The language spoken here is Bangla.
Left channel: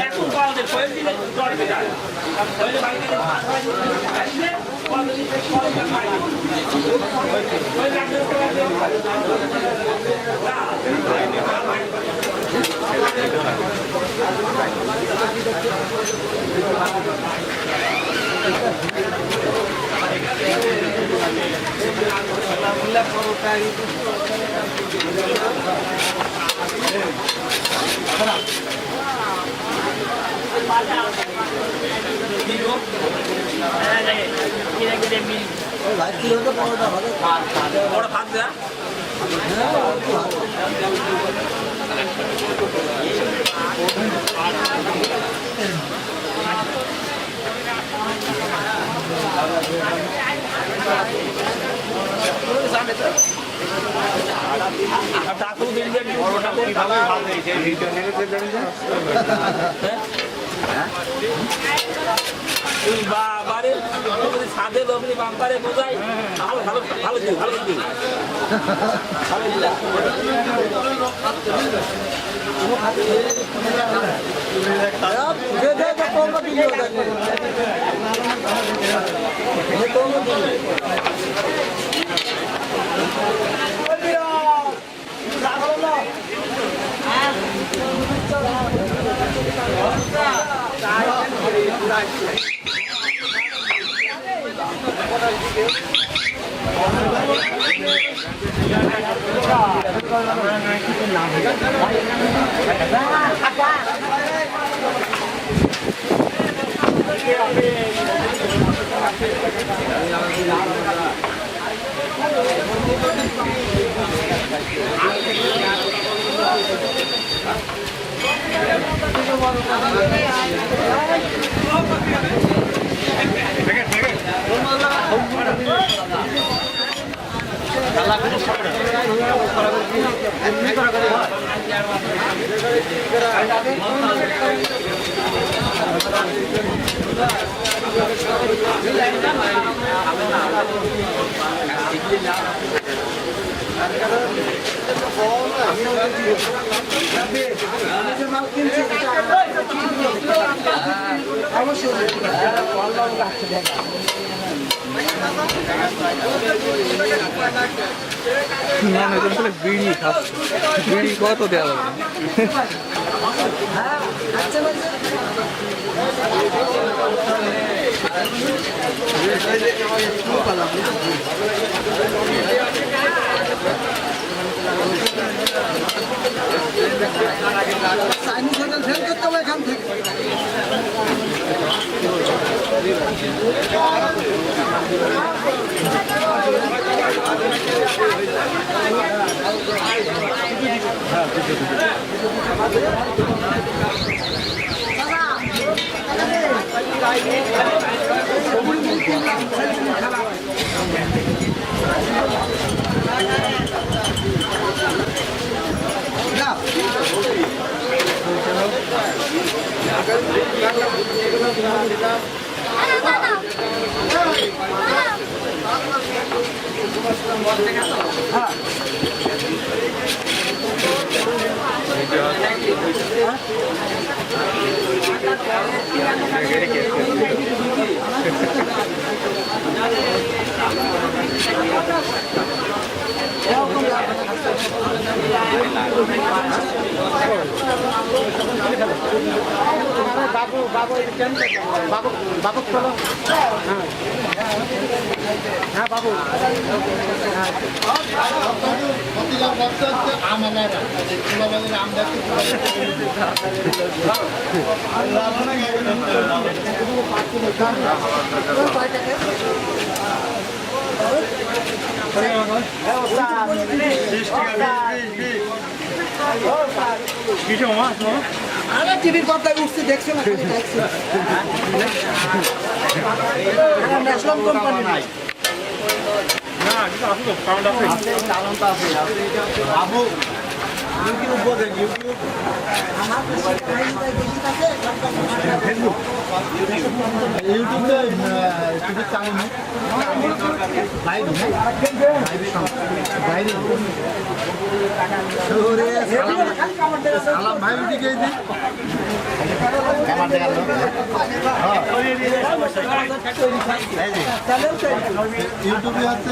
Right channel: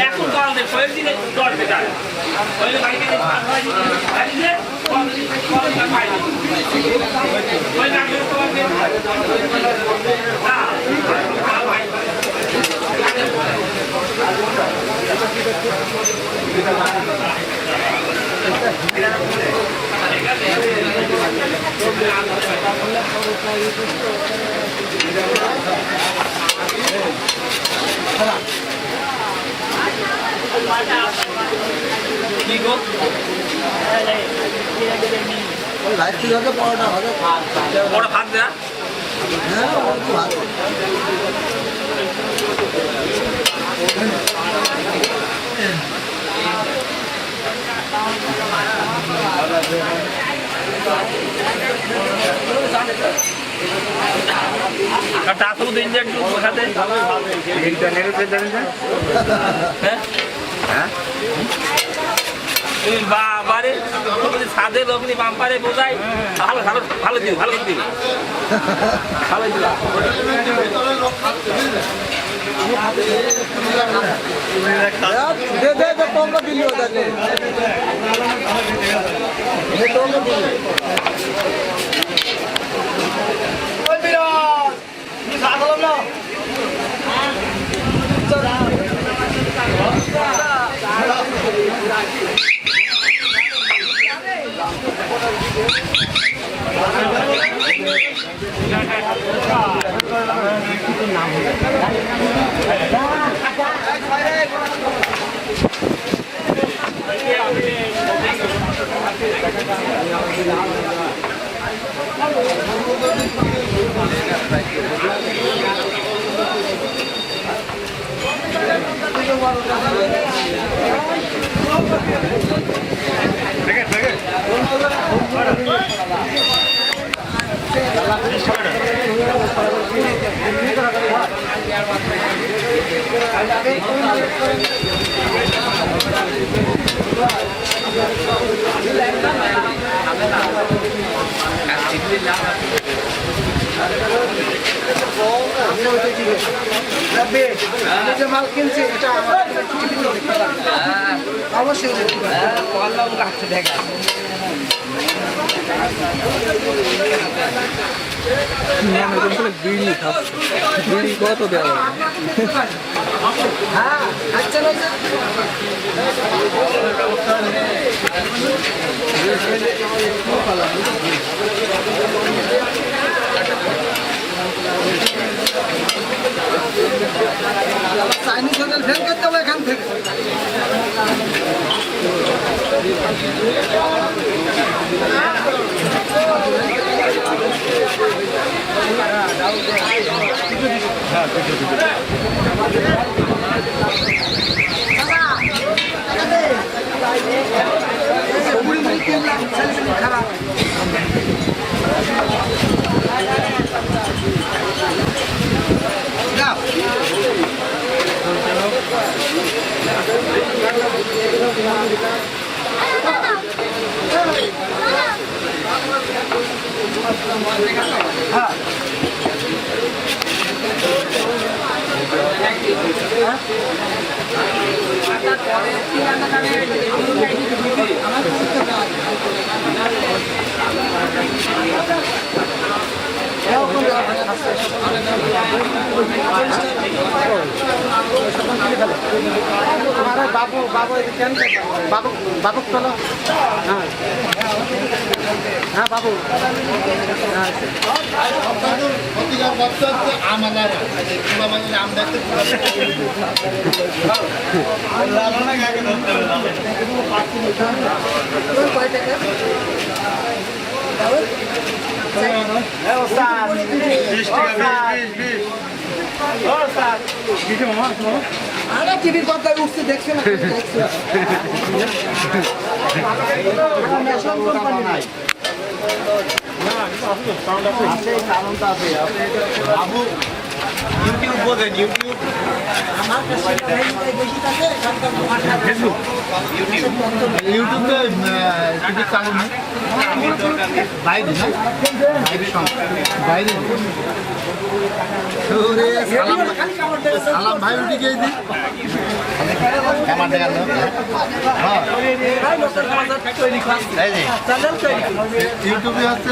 এখন কালদের শরীর দিলে জ্বর বেটায় বড় ভাত দেয়া টাকা দিন যে বাবারে ছাদে লোকনি বাম্পারে বোঝাই ভালো ভালো ভালো দিও ভালো দিও ভালো মাল কিনছি এটা অবশ্যই বিড়ি খাচ্ছে বিড়ি কত দেওয়া চাইনিজ হোটেল ফেল করতে হবে এখান থেকে খারাপ হ্যাঁ বাবু বাবু বাবু বাবু চলো হ্যাঁ হ্যাঁ বাবু আম দেখতে কয় টাকা আরে টিভির পর্দায় উঠছে দেখছে না ন্যাশনাল কোম্পানি নাই ইউটিউব বলেন ইউটিউব ইউটিউবে টিভি চালু নেই বাইরে না বাইরে সালাম ভাই উঠে গিয়ে দিন ইউটিউবে হচ্ছে